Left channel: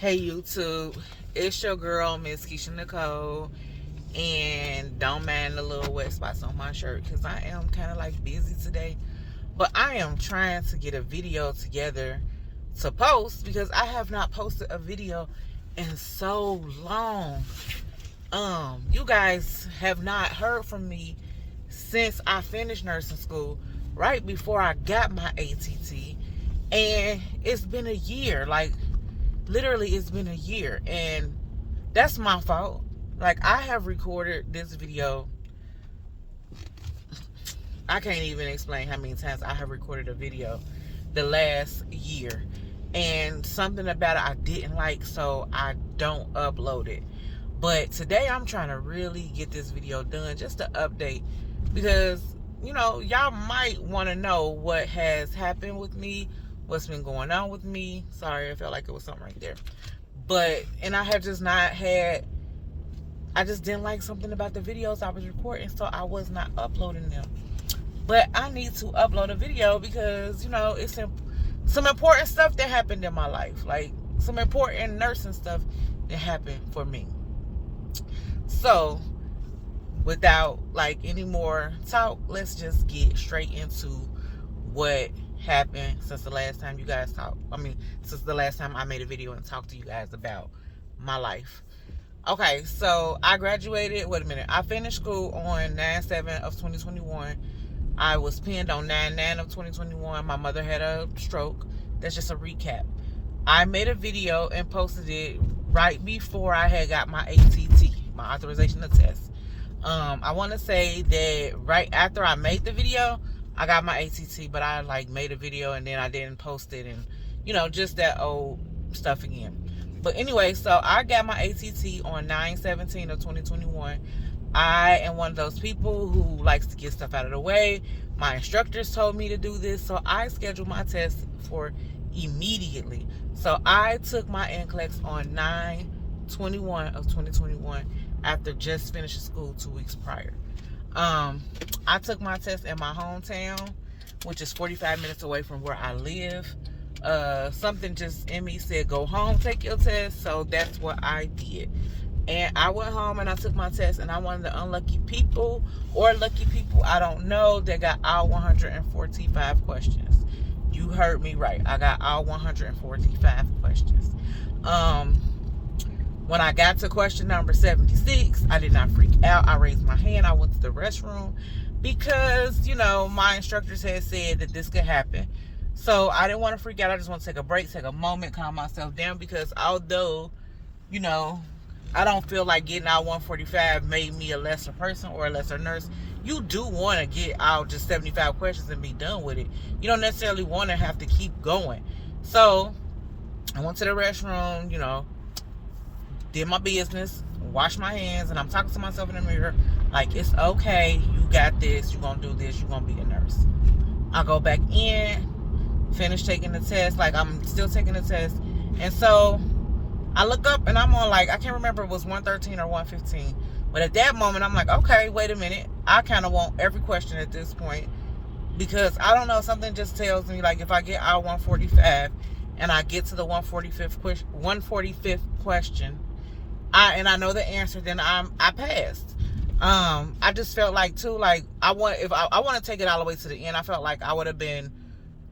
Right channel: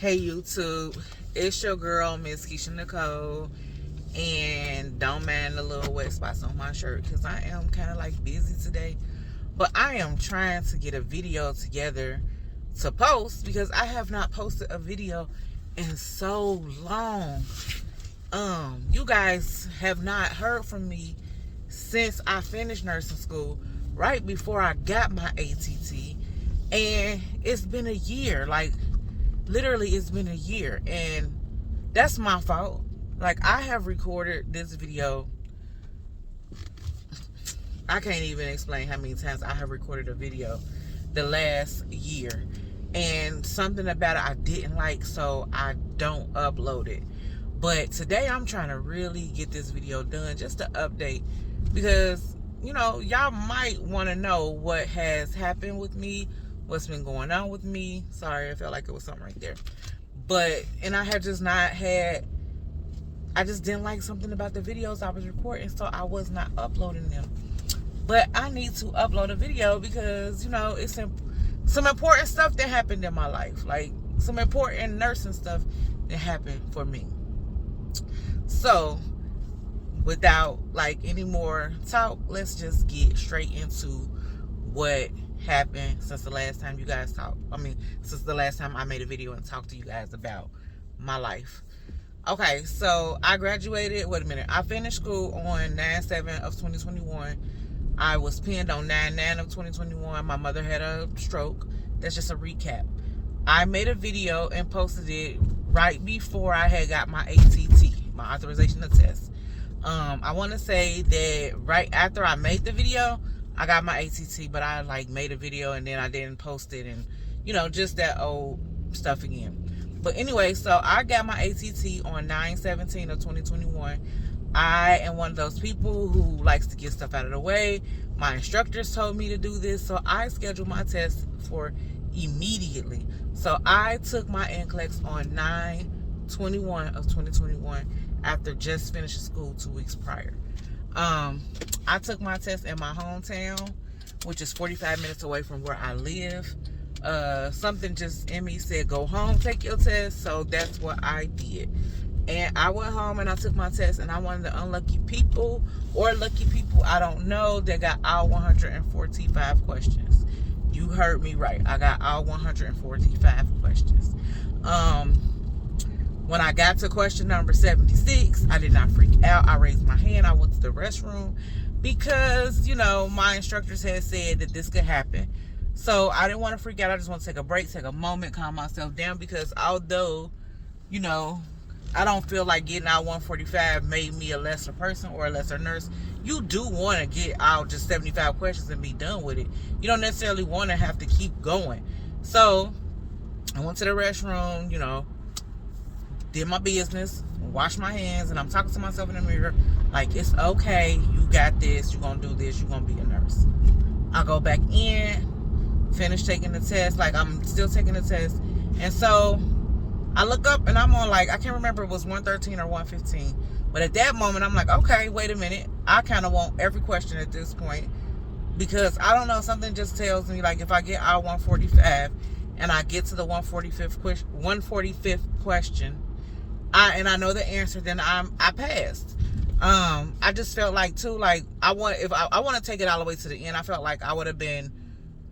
Hey YouTube, it's your girl Miss Keisha Nicole, and don't mind the little wet spots on my shirt because I am kind of like busy today, but I am trying to get a video together to post because I have not posted a video in so long. You guys have not heard from me since I finished nursing school, right before I got my ATT, and it's been a year. Like, literally, it's been a year, and that's my fault. Like, I have recorded this video. I can't even explain how many times I have recorded a video the last year, and something about it I didn't like, so I don't upload it. But today I'm trying to really get this video done, just to update, because y'all might want to know what has happened with me, what's been going on with me. Sorry, I felt like it was something right there. And I have just not had, I just didn't like something about the videos I was recording, so I was not uploading them. But I need to upload a video because, it's some important stuff that happened in my life. Like, some important nursing stuff that happened for me. So, without like any more talk, let's just get straight into what happened since the last time you guys talked. Since the last time I made a video and talked to you guys about my life. Okay, so I graduated, I finished school on 9/7 of 2021. I was pinned on 9/9 of 2021. My mother had a stroke. That's just a recap. I made a video and posted it right before I had got my ATT, my authorization to test. I want to say that right after I made the video, I got my ATT, but I like made a video and then I didn't post it, and just that old stuff again. But anyway, so I got my ATT on 9/17 of 2021. I am one of those people who likes to get stuff out of the way. My instructors told me to do this, so I scheduled my test for immediately. So I took my NCLEX on 9/21 of 2021 after just finishing school 2 weeks prior. I took my test in my hometown, which is 45 minutes away from where I live. Something just in me said, go home, take your test. So that's what I did. And I went home and I took my test, and I'm one of the unlucky people, or lucky people, I don't know, that got all 145 questions. You heard me right. I got all 145 questions. When I got to question number 76, I did not freak out. I raised my hand. I went to the restroom because, my instructors had said that this could happen. So I didn't want to freak out. I just want to take a break, take a moment, calm myself down, because although, I don't feel like getting out 145 made me a lesser person or a lesser nurse. You do want to get out just 75 questions and be done with it. You don't necessarily want to have to keep going. So I went to the restroom, did my business, washed my hands, and I'm talking to myself in the mirror like, it's okay, you got this, you're going to do this, you're going to be a nurse. I go back in, finish taking the test, like I'm still taking the test, and so I look up and I'm on, like, I can't remember if it was 113 or 115, but at that moment I'm like, okay, wait a minute, I kind of want every question at this point, because I don't know, something just tells me, like, if I get out 145 and I get to the 145th question, I know the answer, then I passed. I just felt like too, like, I want to take it all the way to the end. I felt like I would have been,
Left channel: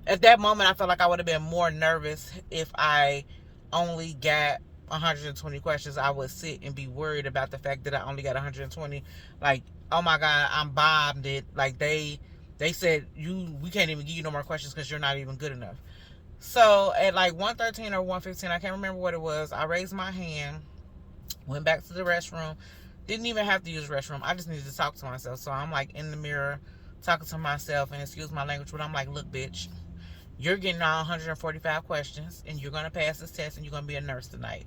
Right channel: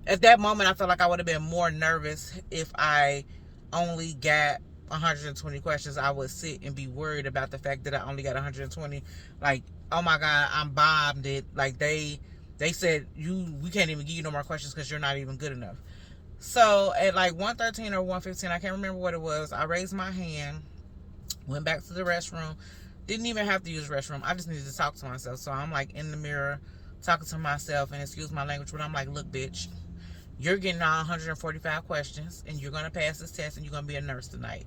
at that moment, I felt like I would have been more nervous if I only got 120 questions. I would sit and be worried about the fact that I only got 120. Like, oh my God, I'm bombed it. Like, they said, we can't even give you no more questions because you're not even good enough. So at like 113 or 115, I can't remember what it was, I raised my hand, went back to the restroom. Didn't even have to use the restroom. I just needed to talk to myself. So I'm like in the mirror talking to myself, and excuse my language, but I'm like, look, bitch, you're getting all 145 questions, and you're going to pass this test, and you're going to be a nurse tonight.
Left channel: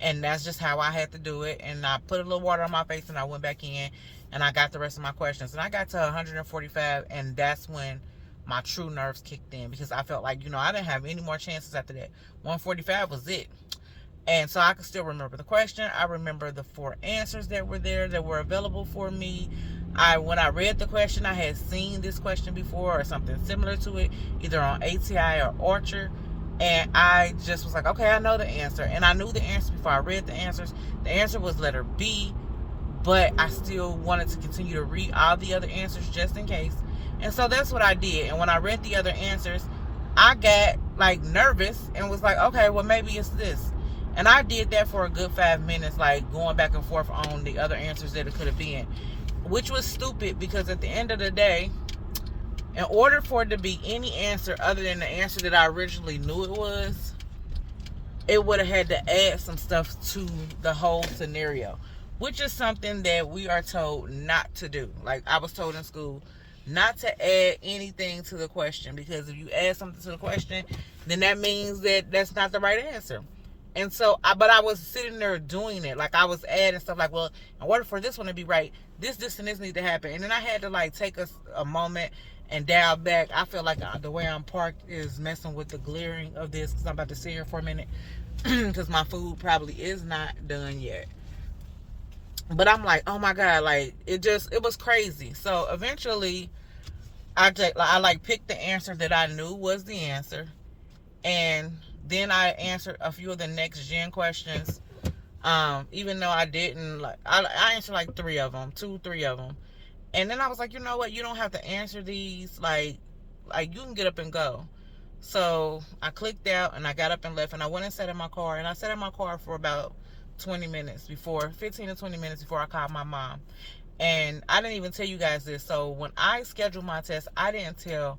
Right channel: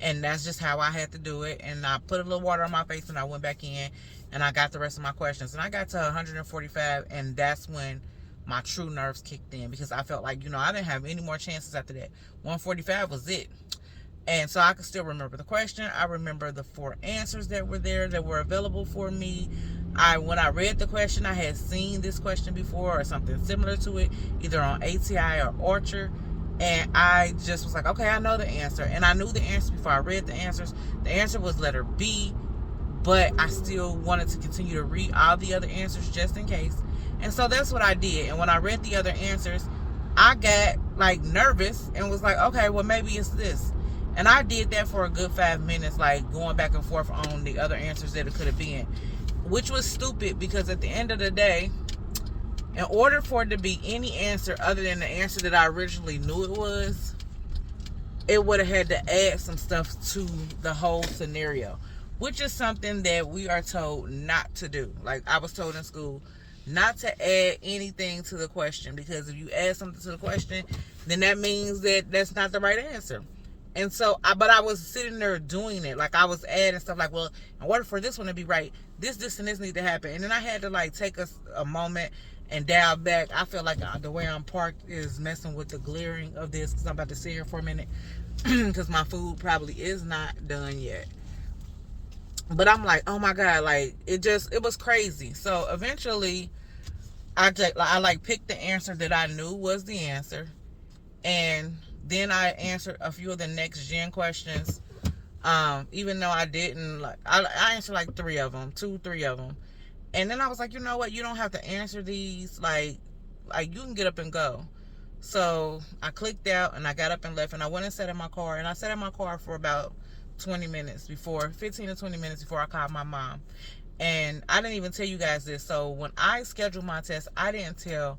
And that's just how I had to do it. And I put a little water on my face, and I went back in, and I got the rest of my questions. And I got to 145, and that's when my true nerves kicked in, because I felt like, I didn't have any more chances after that. 145 was it. And so I can still remember the question. I remember the 4 answers that were there, that were available for me. When I read the question, I had seen this question before or something similar to it, either on ATI or Orchard. And I just was like, okay, I know the answer. And I knew the answer before I read the answers. The answer was letter B, but I still wanted to continue to read all the other answers just in case. And so that's what I did. And when I read the other answers, I got like nervous and was like, okay, well, maybe it's this. And I did that for a good 5 minutes, like going back and forth on the other answers that it could have been, which was stupid because at the end of the day, in order for it to be any answer other than the answer that I originally knew it was, it would have had to add some stuff to the whole scenario, which is something that we are told not to do. Like I was told in school, not to add anything to the question, because if you add something to the question, then that means that that's not the right answer. And so, but I was sitting there doing it. Like I was adding stuff like, well, in order for this one to be right, this, and this need to happen. And then I had to like take a moment and dial back. I feel like the way I'm parked is messing with the glaring of this, because I'm about to sit here for a minute because my food probably is not done yet. But I'm like, oh my God, like it was crazy. So eventually I picked the answer that I knew was the answer. And then I answered a few of the next gen questions. Even though I didn't, like, I answered like 3 of them, 3 of them. And then I was like, you know what? You don't have to answer these. Like you can get up and go. So I clicked out and I got up and left, and I went and sat in my car. And I sat in my car for about 15 to 20 minutes before I called my mom. And I didn't even tell you guys this. So when I scheduled my test, I didn't tell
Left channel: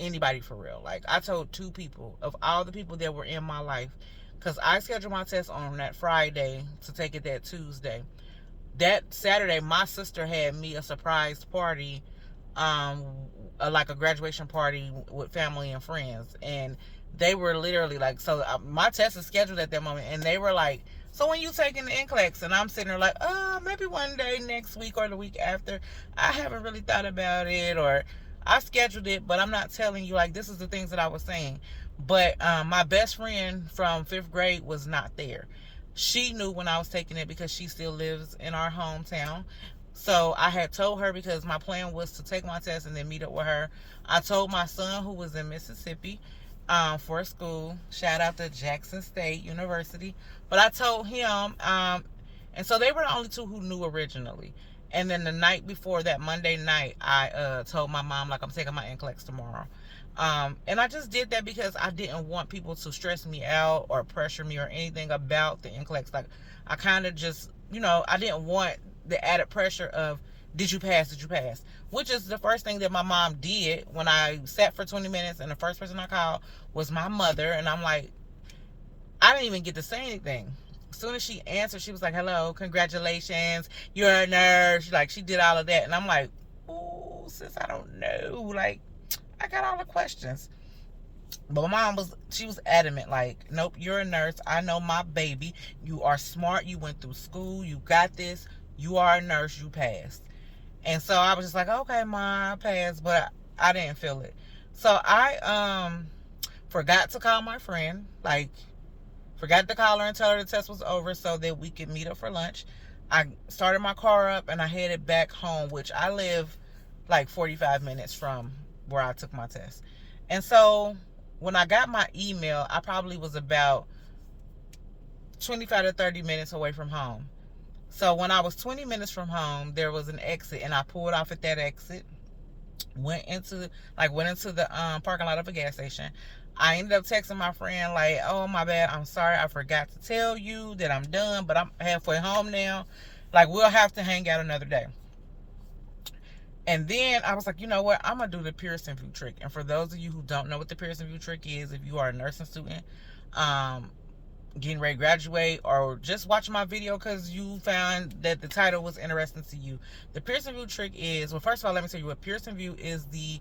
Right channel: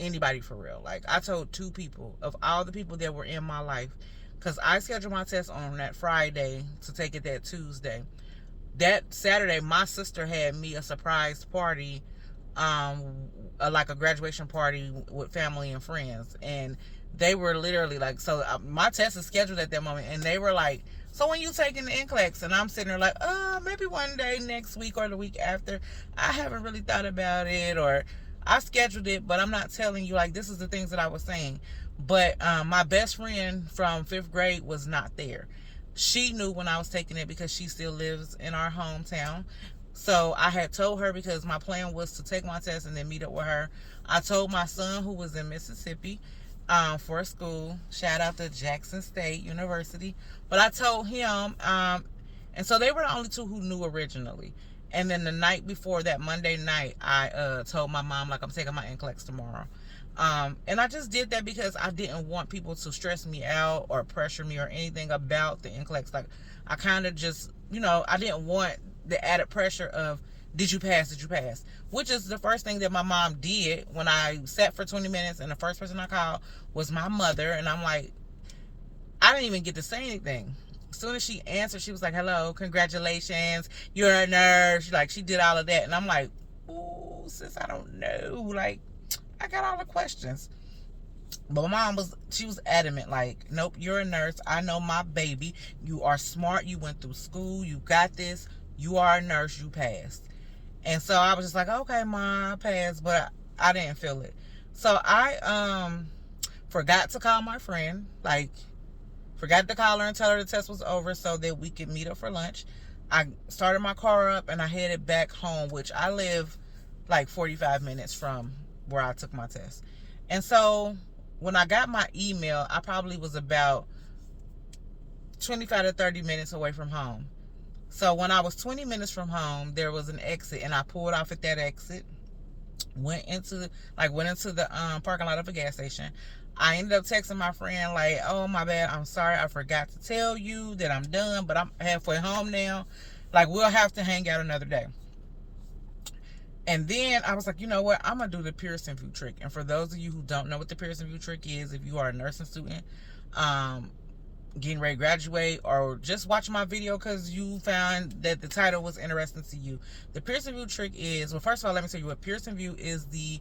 anybody for real. Like I told 2 people of all the people that were in my life, because I scheduled my test on that Friday to take it that Tuesday. That Saturday, my sister had me a surprise party, like a graduation party with family and friends, and they were literally like, so my test is scheduled at that moment, and they were like, so when you taking the NCLEX? And I'm sitting there like, maybe one day next week or the week after. I haven't really thought about it, or I scheduled it, but I'm not telling you, like, this is the things that I was saying. But my best friend from 5th grade was not there. She knew when I was taking it because she still lives in our hometown. So I had told her, because my plan was to take my test and then meet up with her. I told my son, who was in Mississippi for school, shout out to Jackson State University. But I told him, and so they were the only 2 who knew originally. And then the night before, that Monday night, I told my mom, like, I'm taking my NCLEX tomorrow. And I just did that because I didn't want people to stress me out or pressure me or anything about the NCLEX. Like, I kind of just, I didn't want the added pressure of, did you pass? Did you pass? Which is the first thing that my mom did when I sat for 20 minutes, and the first person I called was my mother. And I'm like, I didn't even get to say anything. As soon as she answered, she was like, hello, congratulations, you're a nurse. Like, she did all of that. And I'm like, ooh, sis, I don't know. Like, I got all the questions. But my mom was adamant, like, nope, you're a nurse. I know my baby. You are smart. You went through school. You got this. You are a nurse. You passed. And so I was just like, okay, Mom, I passed. But I didn't feel it. So I forgot to call my friend. Like, forgot to call her and tell her the test was over so that we could meet up for lunch. I started my car up and I headed back home, which I live like 45 minutes from where I took my test. And so when I got my email, I probably was about 25 to 30 minutes away from home. So when I was 20 minutes from home, there was an exit, and I pulled off at that exit, went into the parking lot of a gas station. I ended up texting my friend like, oh, my bad, I'm sorry, I forgot to tell you that I'm done, but I'm halfway home now. Like, we'll have to hang out another day. And then I was like, you know what? I'm going to do the Pearson VUE trick. And for those of you who don't know what the Pearson VUE trick is, if you are a nursing student, getting ready to graduate, or just watching my video because you found that the title was interesting to you, the Pearson VUE trick is, well, first of all, let me tell you what Pearson VUE is. The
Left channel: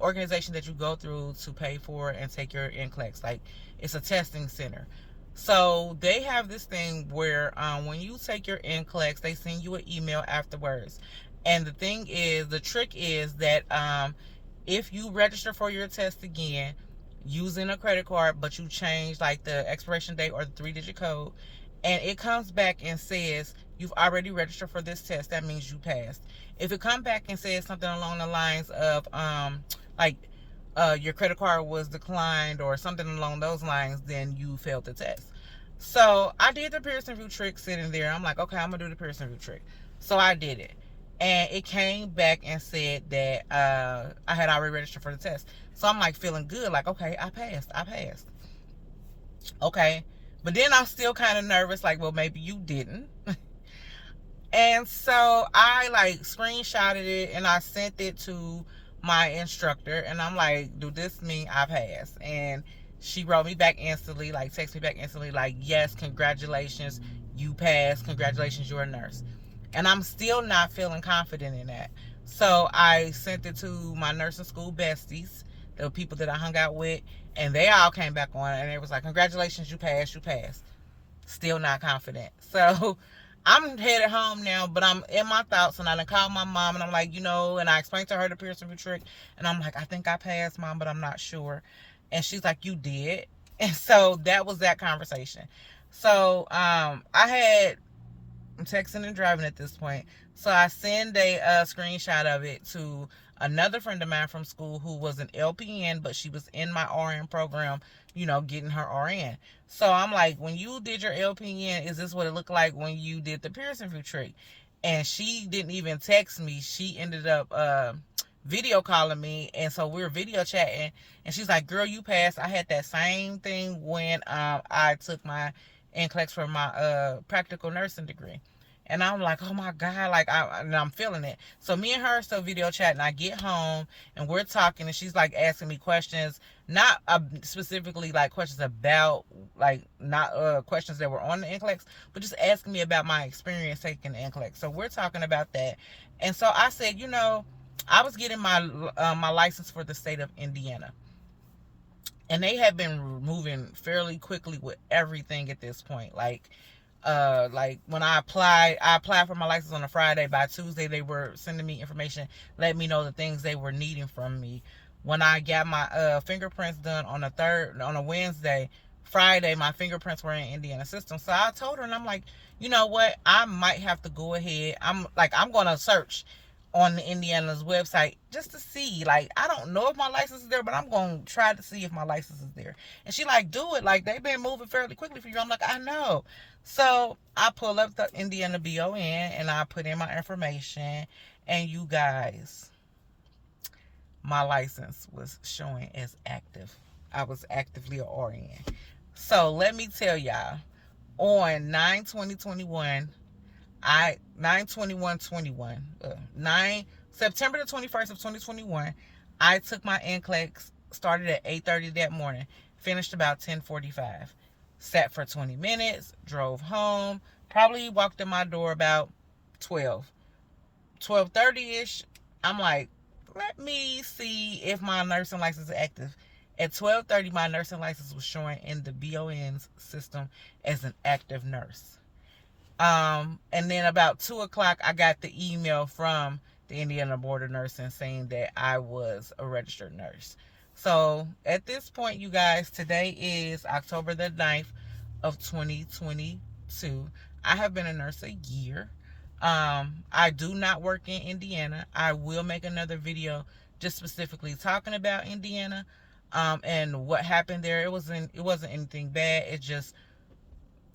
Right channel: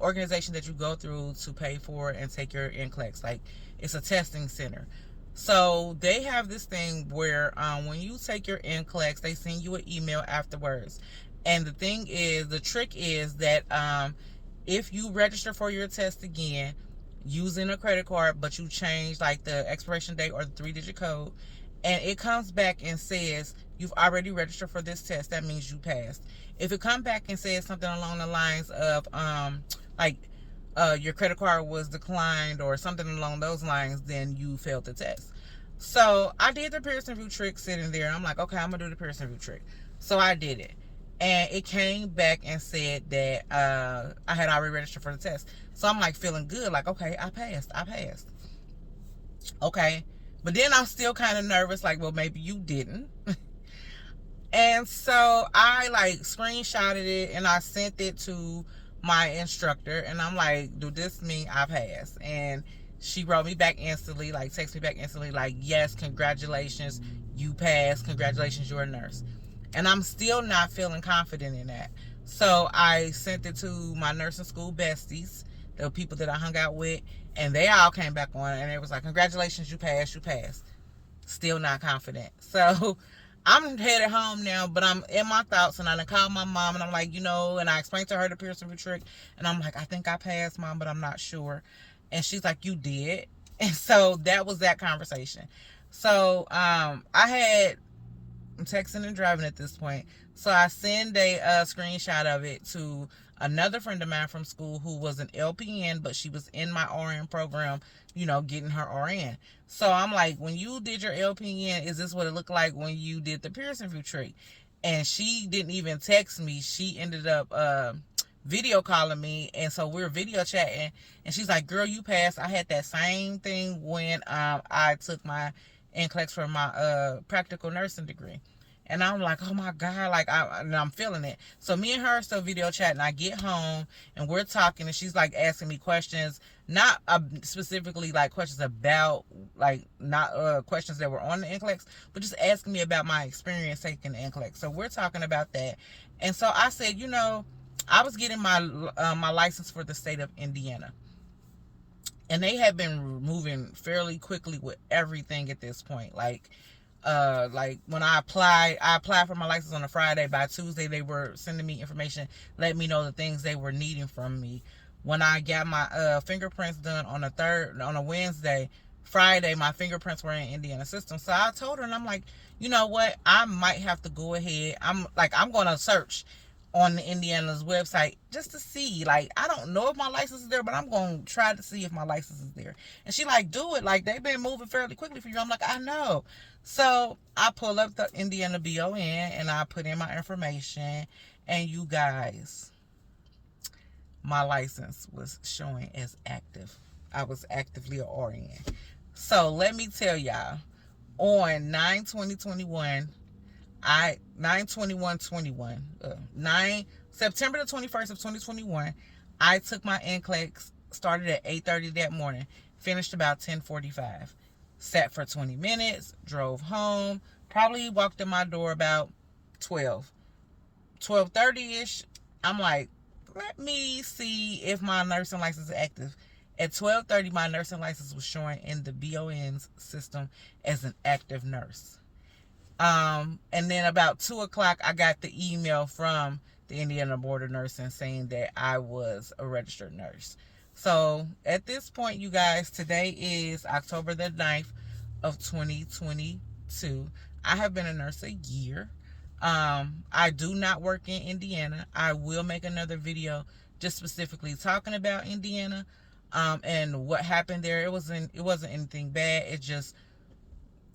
organization that you go through to pay for and take your NCLEX. Like, it's a testing center. So they have this thing where when you take your NCLEX, they send you an email afterwards. And the thing is, the trick is that if you register for your test again using a credit card, but you change like the expiration date or the 3-digit code, and it comes back and says you've already registered for this test, that means you passed. If it comes back and says something along the lines of like your credit card was declined or something along those lines, then you failed the test. So I did the Pearson VUE trick sitting there. I'm like, okay, I'm gonna do the Pearson VUE trick. So I did it, and it came back and said that I had already registered for the test. So I'm like feeling good, like, okay, I passed. Okay, but then I'm still kind of nervous, like, well, maybe you didn't. And so I like screenshotted it and I sent it to my instructor, and I'm like, do this mean I passed? And she wrote me back instantly, like text me back instantly, like, yes, congratulations, you passed, congratulations, you're a nurse. And I'm still not feeling confident in that. So I sent it to my nursing school besties, the people that I hung out with, and they all came back on and it was like, congratulations, you passed, Still not confident. So I'm headed home now, but I'm in my thoughts, and I done called my mom, and I'm like, and I explained to her the Pearson VUE trick, and I'm like, I think I passed, Mom, but I'm not sure. And she's like, you did. And so that was that conversation. So I'm texting and driving at this point. So I send a screenshot of it to another friend of mine from school who was an LPN, but she was in my RN program, getting her RN. So I'm like, when you did your LPN, is this what it looked like when you did the Pearson VUE trick? And she didn't even text me. She ended up video calling me, and so we were video chatting, and she's like, girl, you passed. I had that same thing when I took my NCLEX for my practical nursing degree. And I'm like, oh my God, like I'm feeling it. So me and her are still video chatting. I get home and we're talking, and she's like asking me questions, not specifically like questions about, like, not questions that were on the NCLEX, but just asking me about my experience taking the NCLEX. So we're talking about that. And so I said, I was getting my my license for the state of Indiana. And they have been moving fairly quickly with everything at this point. Like when I applied for my license on a Friday. By Tuesday, they were sending me information, letting me know the things they were needing from me. When I got my fingerprints done on a Wednesday, Friday, my fingerprints were in Indiana system. So I told her, and I'm like, you know what? I might have to go ahead. I'm going to search on the Indiana's website just to see. Like, I don't know if my license is there, but I'm going to try to see if my license is there. And she like, do it. Like, they've been moving fairly quickly for you. I'm like, I know. So I pull up the Indiana BON and I put in my information, and you guys, my license was showing as active. I was actively an RN. So let me tell y'all, on 9/20/21, September the 21st of 2021, I took my NCLEX, started at 8:30 that morning, finished about 10:45. Sat for 20 minutes, drove home, probably walked in my door about 12:30ish. I'm like, let me see if my nursing license is active. At 12:30, my nursing license was showing in the BON's system as an active nurse. And then about 2 o'clock, I got the email from the Indiana Board of Nursing saying that I was a registered nurse. So at this point, you guys, today is October the 9th of 2022. I have been a nurse a year. I do not work in Indiana. I will make another video just specifically talking about Indiana and what happened there. It wasn't anything bad. It just,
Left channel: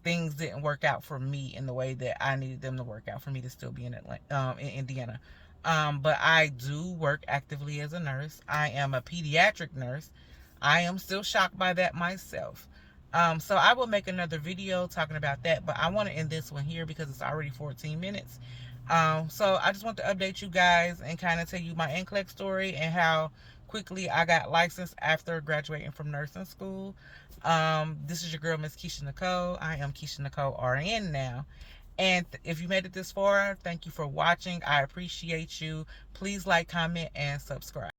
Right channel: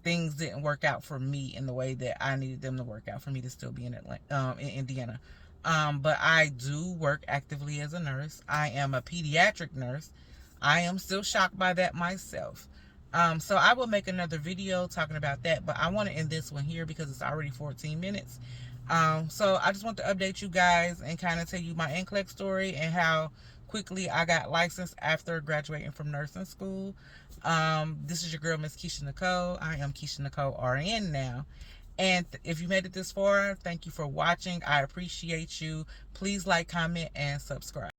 things didn't work out for me in the way that I needed them to work out for me to still be in Indiana. But I do work actively as a nurse. I am a pediatric nurse. I am still shocked by that myself. So I will make another video talking about that, but I want to end this one here because it's already 14 minutes. So I just want to update you guys and kind of tell you my NCLEX story and how quickly I got licensed after graduating from nursing school. This is your girl, Miss Keisha Nicole. I am Keisha Nicole RN now. And if you made it this far, thank you for watching. I appreciate you. Please like, comment, and subscribe.